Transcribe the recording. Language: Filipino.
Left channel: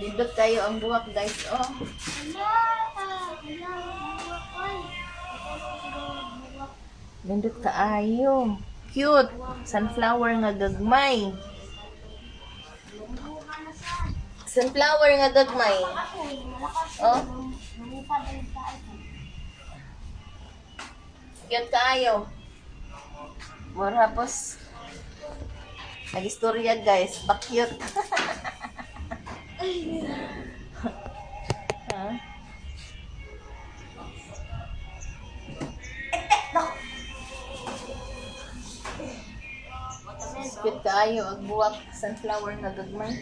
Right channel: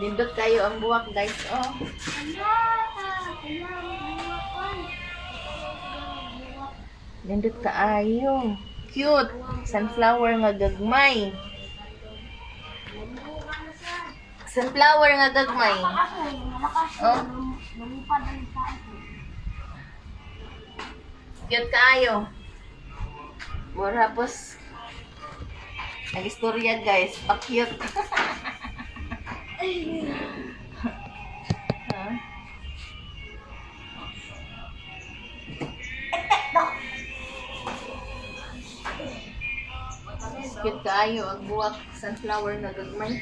Nindot kayo ang buwak, guys. Oh. Nindot kaayo. Cute. Sunflower nga gagmay. Sunflower nga gagmay. Oh. Cute kaayo. Tapos nag-istorya, guys. Pa-cute. Huh? Cute kaayo ang buwak sunflower nga gagmay.